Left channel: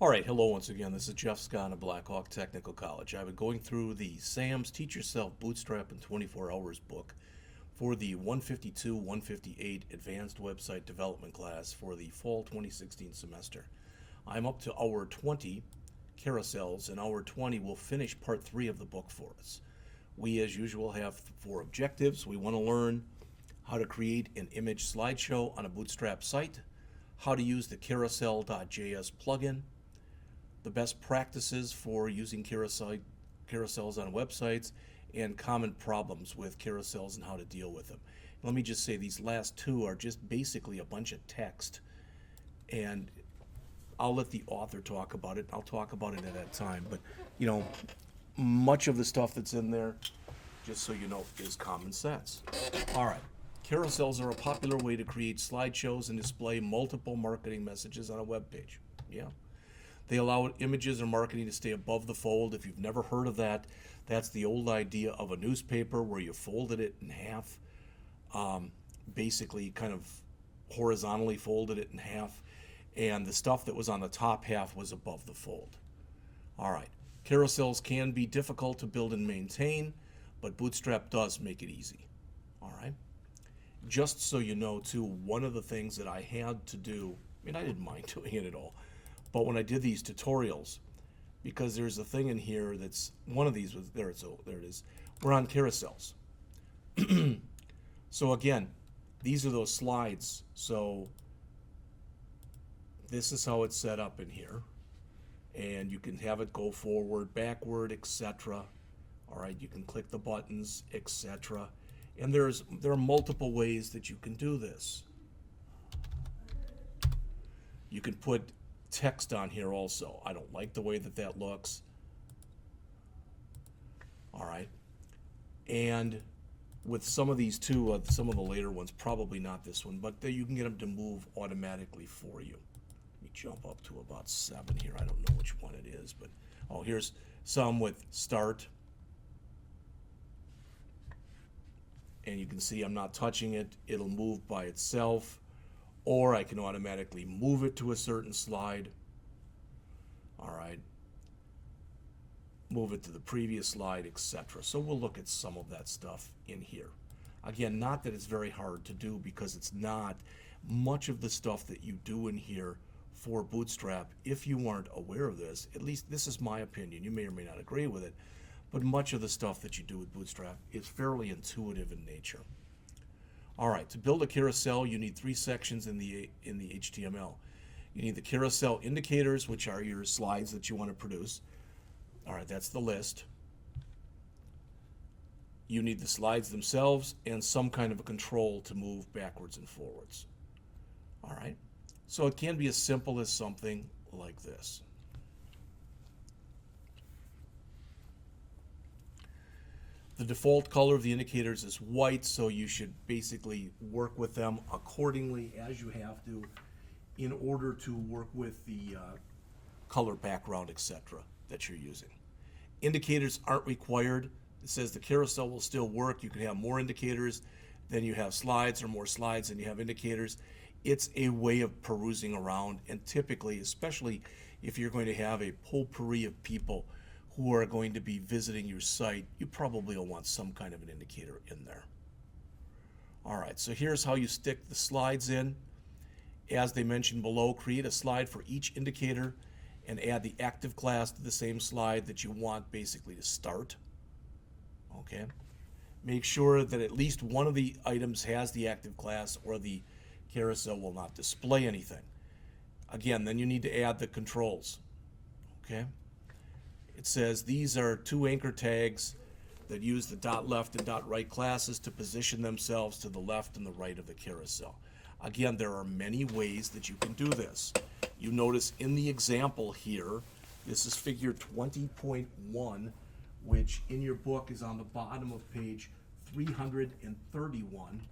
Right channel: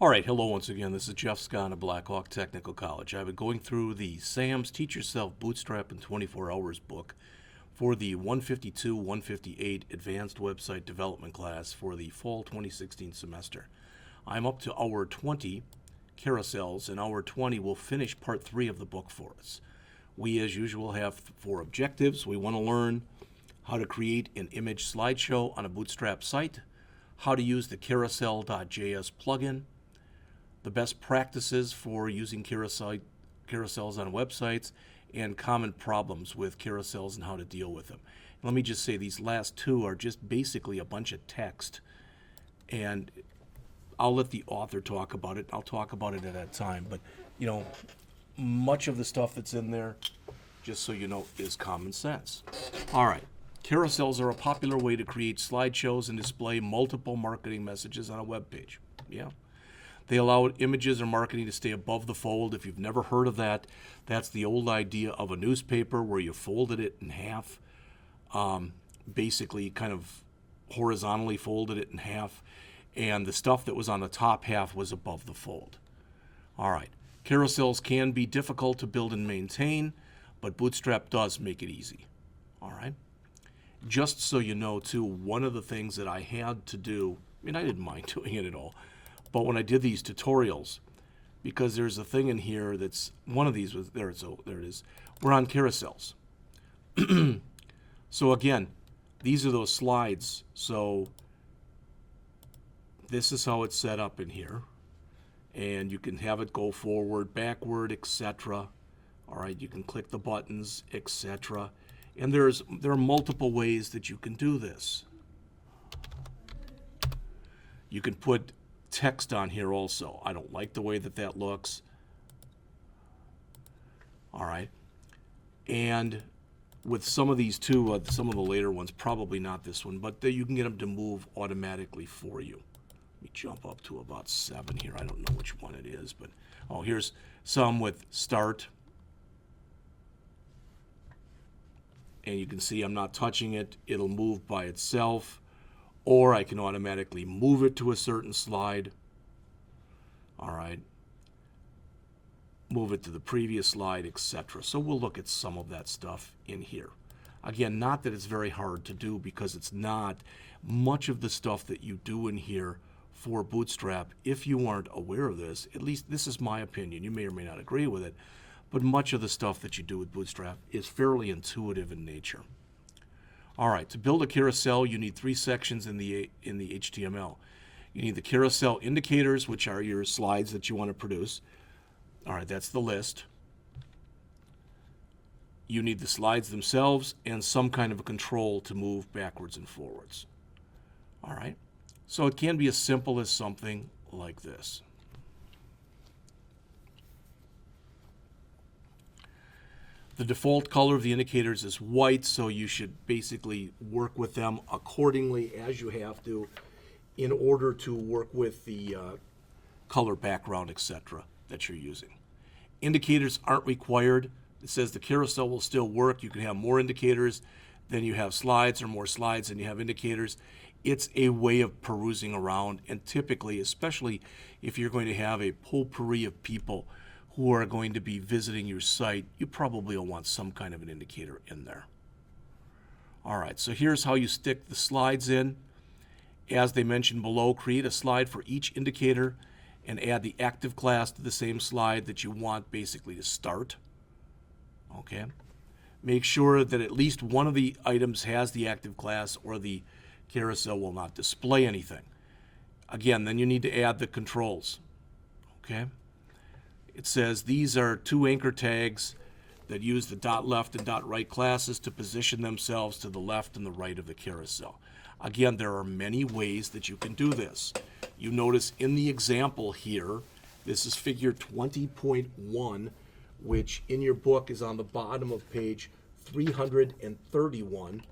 All right, hello once again. This is Jeff Scott of Blackhawk Technical College. I've been going through the Sam's Teach Yourself Bootstrap in 24 Hours book for the 152-158 Advanced Website Development class for the fall 2016 semester. I'm up to hour 20, carousels, and hour 20 will finish part 3 of the book for us. We, as usual, have 4 objectives. We want to learn how to create an image slideshow on a Bootstrap site, how to use the Carousel.js plugin, the best practices for using carousels on websites, and common problems with carousels and how to deal with them. Let me just say these last 2 are just basically a bunch of text, and I'll let the author talk about it. I'll talk about it at that time, but much of the stuff that's in there, just so you know, is common sense. All right. Carousels are a popular way to create slideshows and display multiple marketing messages on a web page. Yeah. They allow images or marketing to stay above the fold. If you've never heard of that, that's the old idea of a newspaper where you folded it in half, basically kind of horizontally folded it in half, and the stuff that was on the top half was above the fold. All right. Carousels can be difficult to build and maintain, but Bootstrap does make it easy. All right. Just so you know, too, one of the things that I had to do, I didn't mind doing it at all, but when I did these tutorials, because there's a thing in here that's, one of these was, there it is, we're on carousels. So again, these are those slides. So this is how it's set up in here. And you can have it go forward, backward, etc. All right, you can click the buttons, etc. And there are multiple ways that you can do this. You can put text on here also. I don't like the way that looks. All right. And with some of these too, some of the later ones, probably not this one, but you can get them to move automatically for you. Let me jump up to about 7 here. I don't know which one it is, but here's some with start. And you can see I'm not touching it. It'll move by itself. Or I can automatically move it to a certain slide. All right. Move it to the previous slide, etc. So we'll look at some of that stuff in here. Again, not that it's very hard to do, because it's not. Much of the stuff that you do in here for Bootstrap, if you aren't aware of this, at least this is my opinion, you may or may not agree with it, but much of the stuff that you do with Bootstrap is fairly intuitive in nature. All right, to build a carousel, you need 3 sections in the HTML. You need the carousel indicators, which are your slides that you want to produce. All right, that's the list. You need the slides themselves and some kind of a control to move backwards and forwards. All right, so it can be as simple as something like this. The default color of the indicators is white, so you should basically work with them accordingly as you have to in order to work with the color background, etc. that you're using. Indicators aren't required. It says the carousel will still work. You can have more indicators than you have slides, or more slides than you have indicators. It's a way of perusing around, and typically, especially if you're going to have a potpourri of people who are going to be visiting your site, you probably will want some kind of an indicator in there. All right, so here's how you stick the slides in. As they mentioned below, create a slide for each indicator and add the active class to the same slide that you want basically to start. Okay. Make sure that at least one of the items has the active class, or the carousel will not display anything. Again, then you need to add the controls. Okay. It says these are 2 anchor tags that use the .left and .right classes to position themselves to the left and the right of the carousel. Again, there are many ways that you can do this. You notice in the example here, this is figure 20.1, which in your book is on the bottom of page 331.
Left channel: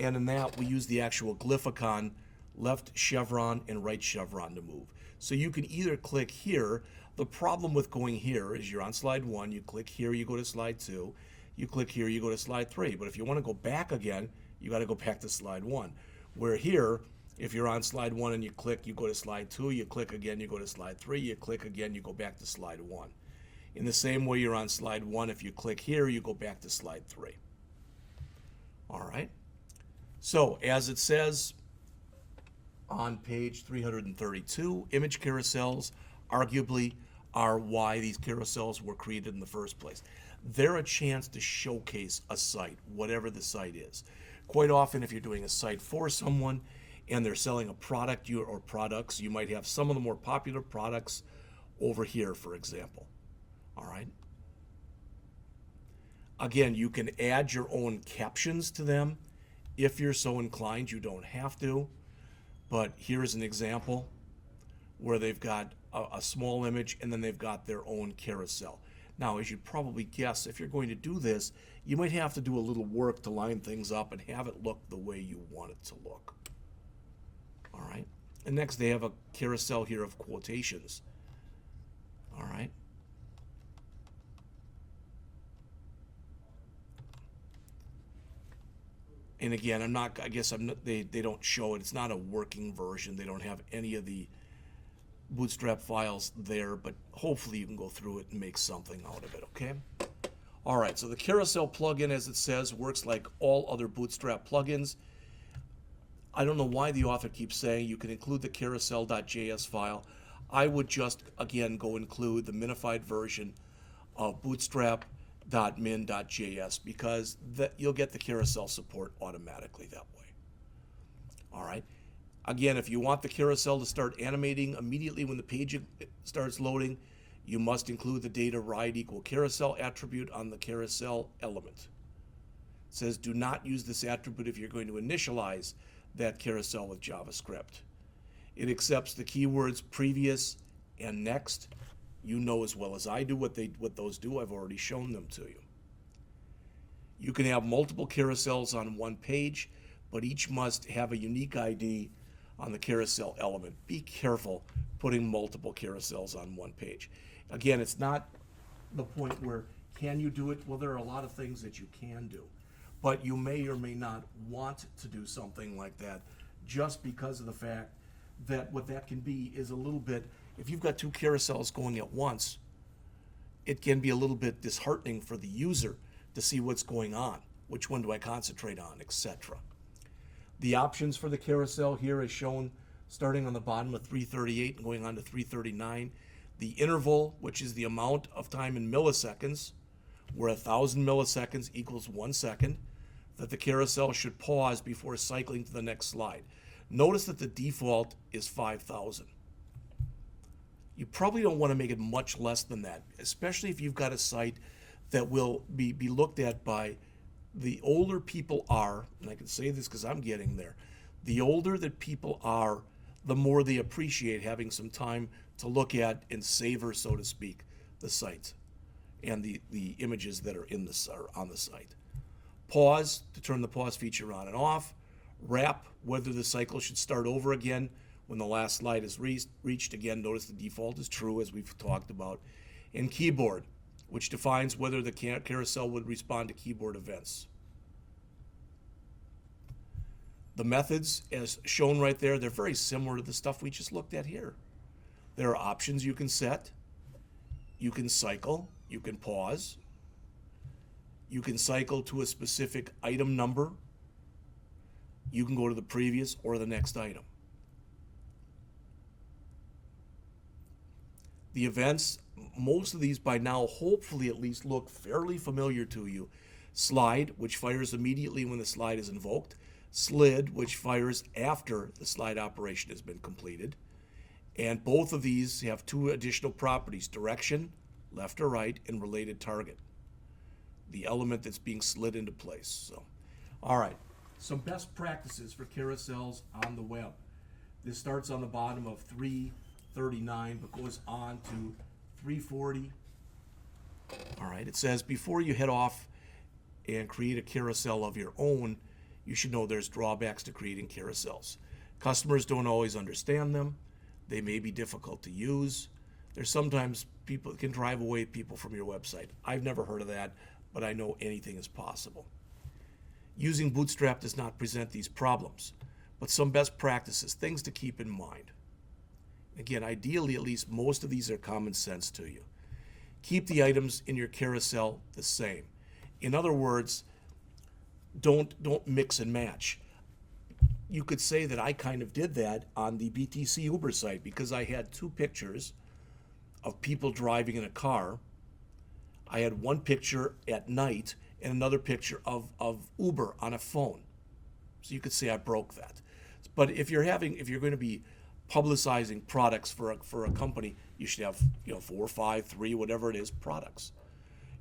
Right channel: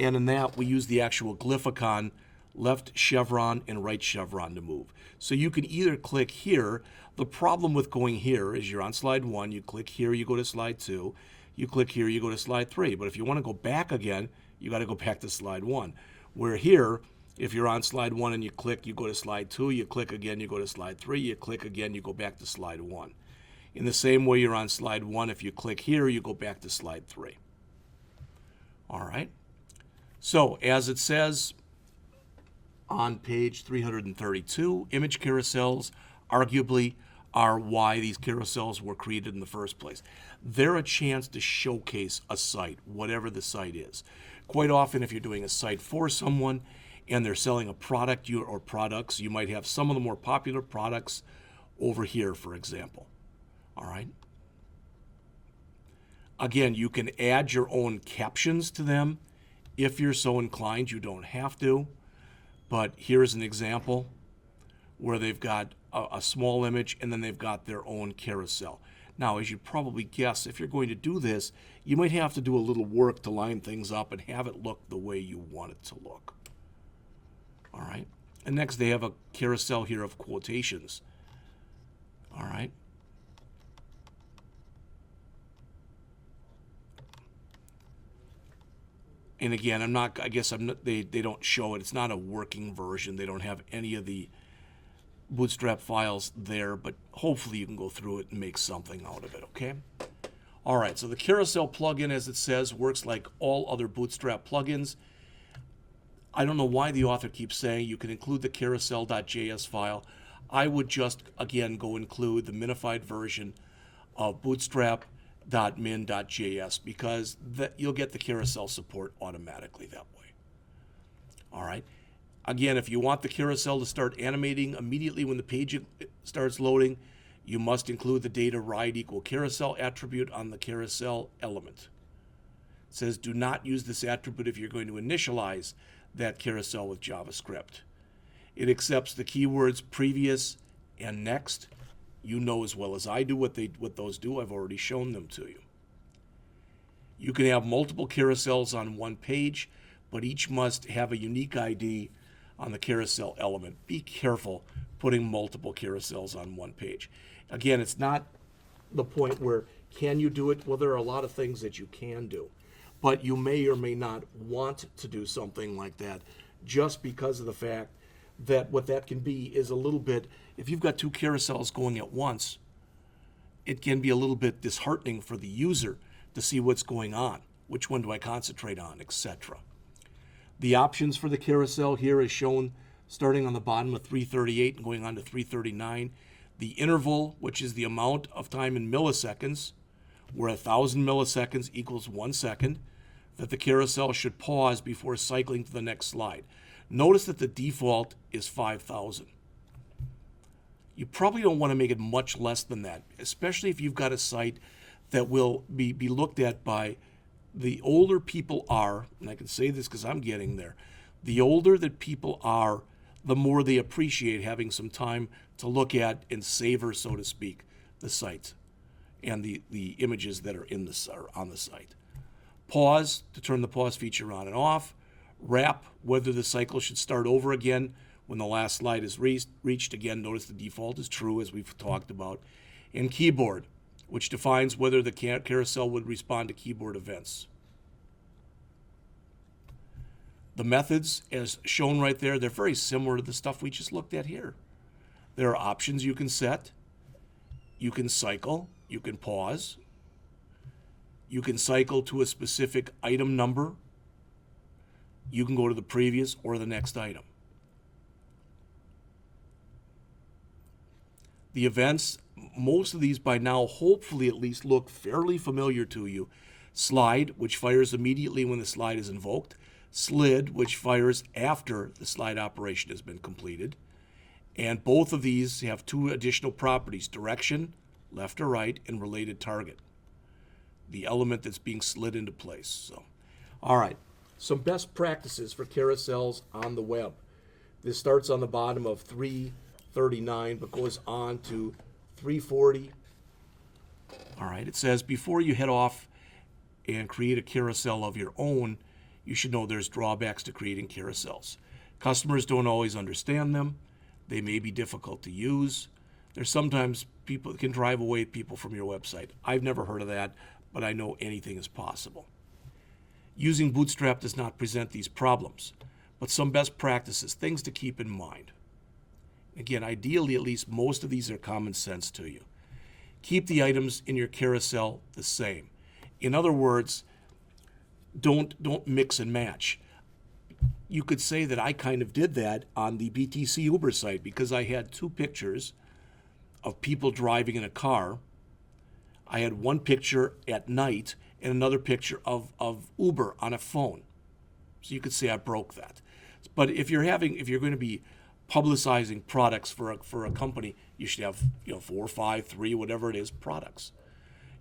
And in that, we use the actual glyphicon, left chevron and right chevron, to move. So you can either click here. The problem with going here is you're on slide 1, you click here, you go to slide 2, you click here, you go to slide 3. But if you want to go back again, you got to go back to slide 1. Where here, If you're on slide 1 and you click, you go to slide 2, you click again, you go to slide 3, you click again, you go back to slide 1. In the same way you're on slide 1, if you click here, you go back to slide 3. All right. So, as it says on page 332, image carousels arguably are why these carousels were created in the first place. They're a chance to showcase a site, whatever the site is. Quite often, if you're doing a site for someone and they're selling a product or products, you might have some of the more popular products over here, for example. All right. Again, you can add your own captions to them if you're so inclined. You don't have to. But here's an example where they've got a small image and then they've got their own carousel. Now, as you probably guess, if you're going to do this, you might have to do a little work to line things up and have it look the way you want it to look. All right. And next, they have a carousel here of quotations. All right. And again, they don't show it. It's not a working version. They don't have any of the Bootstrap files there, but hopefully you can go through it and make something out of it, okay? All right, so the Carousel plugin, as it says, works like all other Bootstrap plugins. I don't know why the author keeps saying you can include the carousel.js file. I would just, again, go include the minified version of bootstrap.min.js because you'll get the carousel support automatically that way. All right. Again, if you want the carousel to start animating immediately when the page starts loading, you must include the data ride equal carousel attribute on the carousel element. It says do not use this attribute if you're going to initialize that carousel with JavaScript. It accepts the keywords previous and next. You know as well as I do what those do. I've already shown them to you. You can have multiple carousels on one page, but each must have a unique ID on the carousel element. Be careful putting multiple carousels on one page. Again, it's not the point where can you do it? Well, there are a lot of things that you can do, but you may or may not want to do something like that just because of the fact that what that can be is a little bit, if you've got two carousels going at once, it can be a little bit disheartening for the user to see what's going on. Which one do I concentrate on, etc. The options for the carousel here is shown starting on the bottom of 338 and going on to 339. The interval, which is the amount of time in milliseconds, where 1,000 milliseconds equals 1 second, that the carousel should pause before cycling to the next slide. Notice that the default is 5,000. You probably don't want to make it much less than that, especially if you've got a site that will be looked at by the older people are, and I can say this because I'm getting there, the older that people are, the more they appreciate having some time to look at and savor, so to speak, the site and the images that are on the site. Pause to turn the pause feature on and off. Wrap, whether the cycle should start over again when the last slide is reached. Again, notice the default is true, as we've talked about. And keyboard, which defines whether the carousel would respond to keyboard events. The methods, as shown right there, they're very similar to the stuff we just looked at here. There are options you can set. You can cycle. You can pause. You can cycle to a specific item number. You can go to the previous or the next item. The events, most of these by now hopefully at least look fairly familiar to you. Slide, which fires immediately when the slide is invoked. Slid, which fires after the slide operation has been completed. And both of these have two additional properties: direction, left or right, and related target, the element that's being slid into place. So, all right, some best practices for carousels on the web. This starts on the bottom of 339 but goes on to 340. All right, it says before you head off and create a carousel of your own, you should know there's drawbacks to creating carousels. Customers don't always understand them. They may be difficult to use. There's sometimes people that can drive away people from your website. I've never heard of that, but I know anything is possible. Using Bootstrap does not present these problems, But some best practices, things to keep in mind. Again, ideally, at least most of these are common sense to you. Keep the items in your carousel the same. In other words, don't mix and match. You could say that I kind of did that on the BTC Uber site because I had two pictures of people driving in a car. I had one picture at night and another picture of Uber on a phone. So you could say I broke that. But if you're going to be publicizing products for a company, you should have 4, 5, 3, whatever it is, products.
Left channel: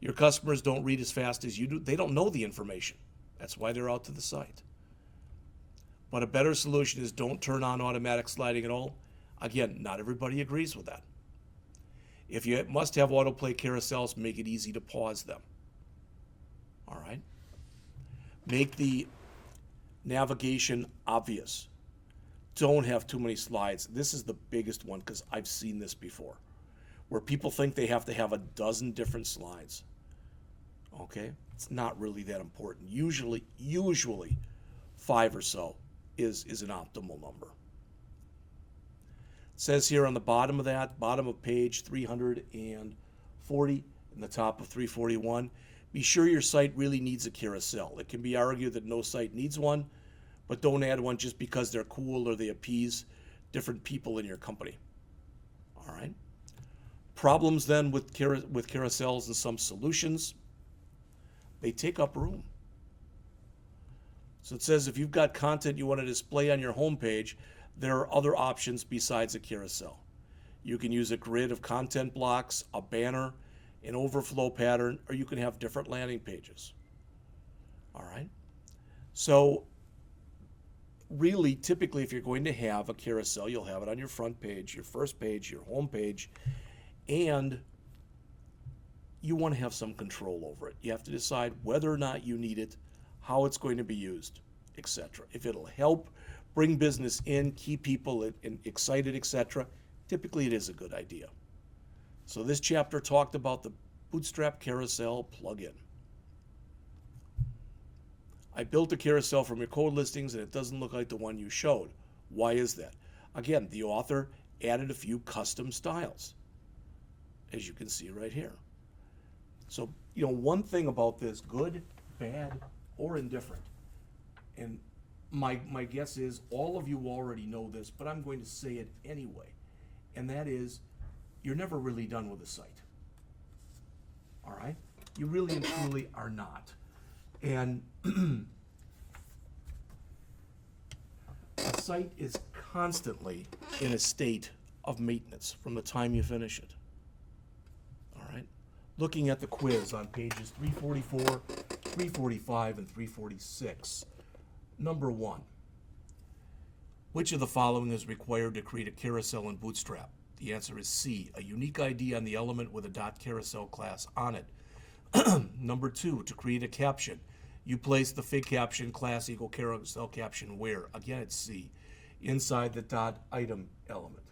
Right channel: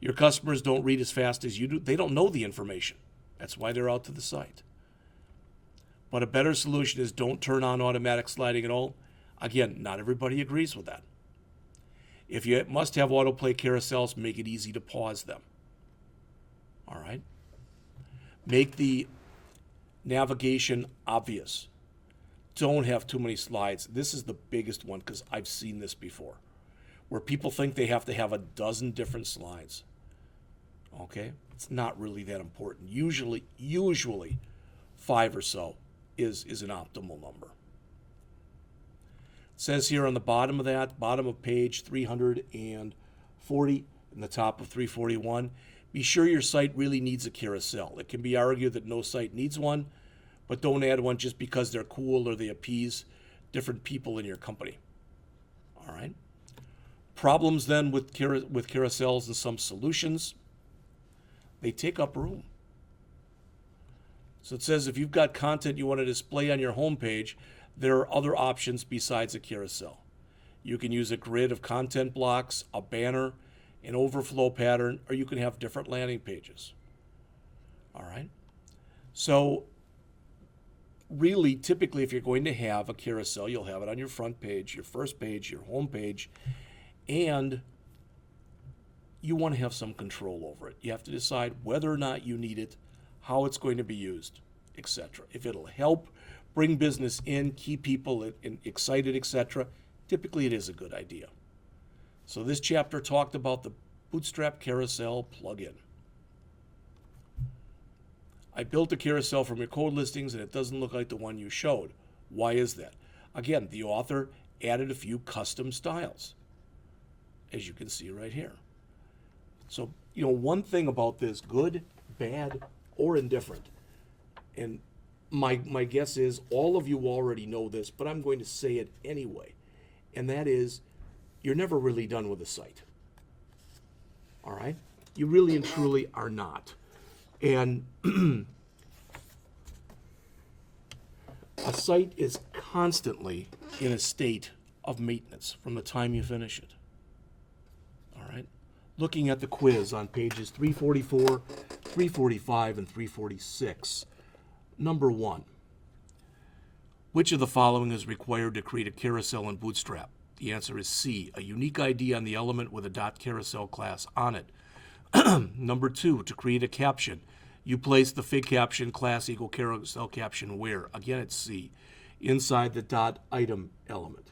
Your customers don't read as fast as you do. They don't know the information. That's why they're out to the site. But a better solution is don't turn on automatic sliding at all. Again, not everybody agrees with that. If you must have autoplay carousels, make it easy to pause them. All right? Make the navigation obvious. Don't have too many slides. This is the biggest one because I've seen this before, where people think they have to have a dozen different slides. Okay? It's not really that important. Usually 5 or so is an optimal number. It says here on the bottom of that, bottom of page 340 and the top of 341, be sure your site really needs a carousel. It can be argued that no site needs one, but don't add one just because they're cool or they appease different people in your company. All right? Problems then with carousels and some solutions. They take up room. So it says if you've got content you want to display on your homepage, there are other options besides a carousel. You can use a grid of content blocks, a banner, an overflow pattern, or you can have different landing pages. All right? So really, typically, if you're going to have a carousel, you'll have it on your front page, your first page, your home page, and you want to have some control over it. You have to decide whether or not you need it, how it's going to be used, etc. If it'll help bring business in, keep people excited, etc., typically it is a good idea. So this chapter talked about the Bootstrap Carousel plugin. I built a carousel from your code listings and it doesn't look like the one you showed. Why is that? Again, the author added a few custom styles, as you can see right here. So, one thing about this, good, bad, or indifferent, and my guess is all of you already know this, but I'm going to say it anyway, and that is you're never really done with a site. All right? You really and truly are not. And a site is constantly in a state of maintenance from the time you finish it. All right? Looking at the quiz on pages 344, 345, and 346. Number 1. Which of the following is required to create a carousel in Bootstrap? The answer is C, a unique ID on the element with a .carousel class on it. Number 2, to create a caption, you place the fig caption class equal carousel caption where? Again, it's C, inside the .item element.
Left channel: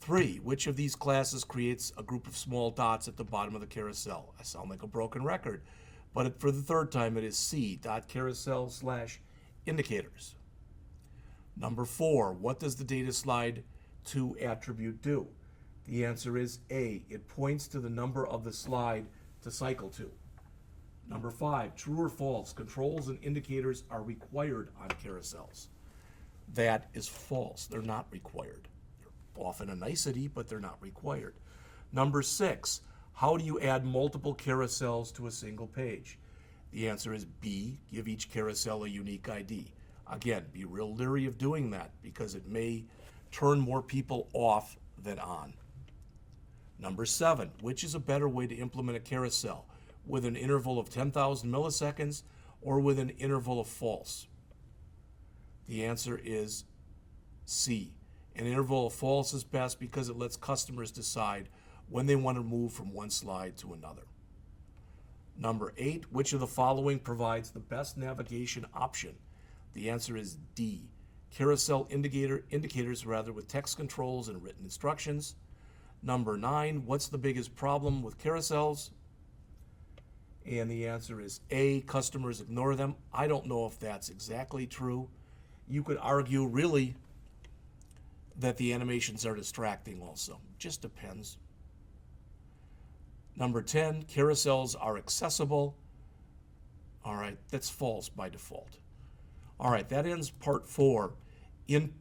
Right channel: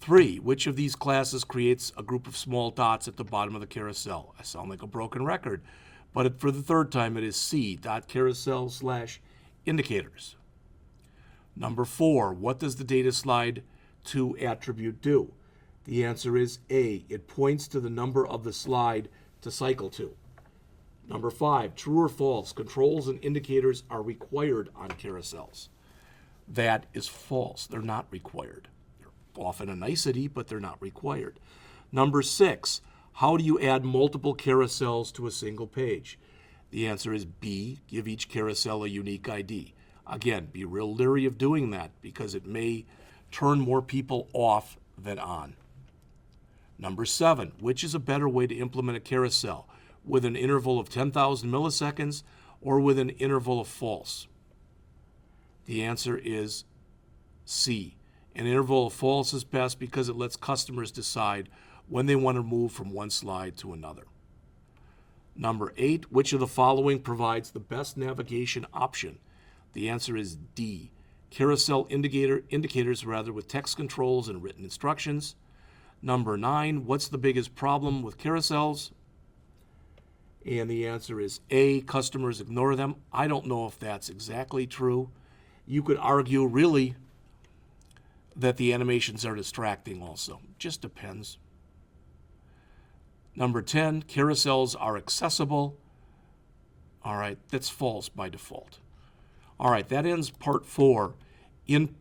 3, which of these classes creates a group of small dots at the bottom of the carousel? I sound like a broken record, but for the third time it is C, .carousel/indicators. Number 4, what does the data slide to attribute do? The answer is A, it points to the number of the slide to cycle to. Number 5, true or false, controls and indicators are required on carousels. That is false, they're not required. They're often a nicety, but they're not required. Number 6, how do you add multiple carousels to a single page? The answer is B, give each carousel a unique ID. Again, be real leery of doing that because it may turn more people off than on. Number 7, which is a better way to implement a carousel? With an interval of 10,000 milliseconds or with an interval of false? The answer is C. An interval of false is best because it lets customers decide when they want to move from one slide to another. Number 8, which of the following provides the best navigation option? The answer is D. Carousel indicators with text controls and written instructions. Number 9, what's the biggest problem with carousels? And the answer is A, customers ignore them. I don't know if that's exactly true. You could argue really that the animations are distracting also. Just depends. Number 10, carousels are accessible. All right, that's false by default. All right, that ends part 4,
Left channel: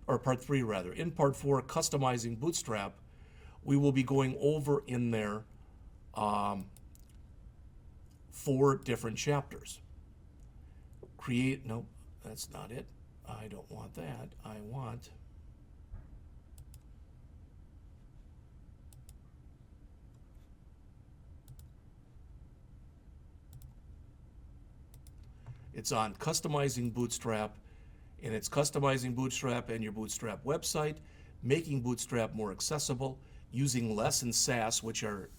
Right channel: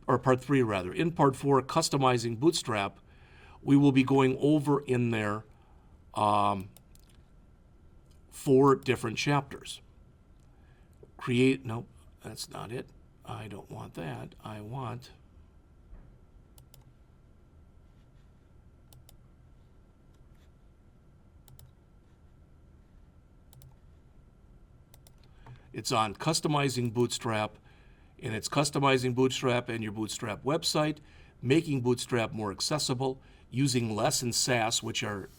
or part 3 rather. In part 4, customizing Bootstrap, we will be going over in there 4 different chapters. Nope, that's not it. I don't want that. I want it's on customizing Bootstrap, and it's customizing Bootstrap and your Bootstrap website, making Bootstrap more accessible, using less in Sass, which are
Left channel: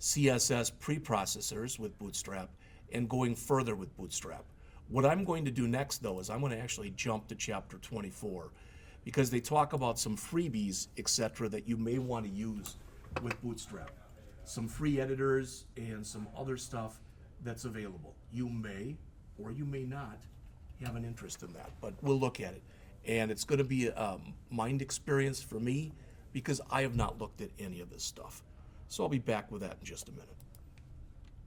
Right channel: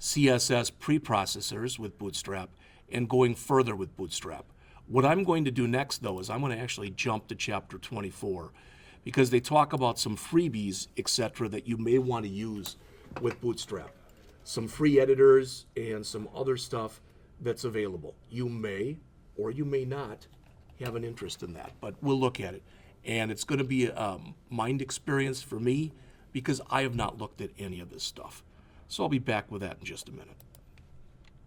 CSS preprocessors with Bootstrap, and going further with Bootstrap. What I'm going to do next, though, is I'm going to actually jump to Chapter 24, because they talk about some freebies, etc., that you may want to use with Bootstrap. Some free editors and some other stuff that's available. You may or you may not have an interest in that, but we'll look at it. And it's going to be a mind experience for me because I have not looked at any of this stuff. So I'll be back with that in just a minute.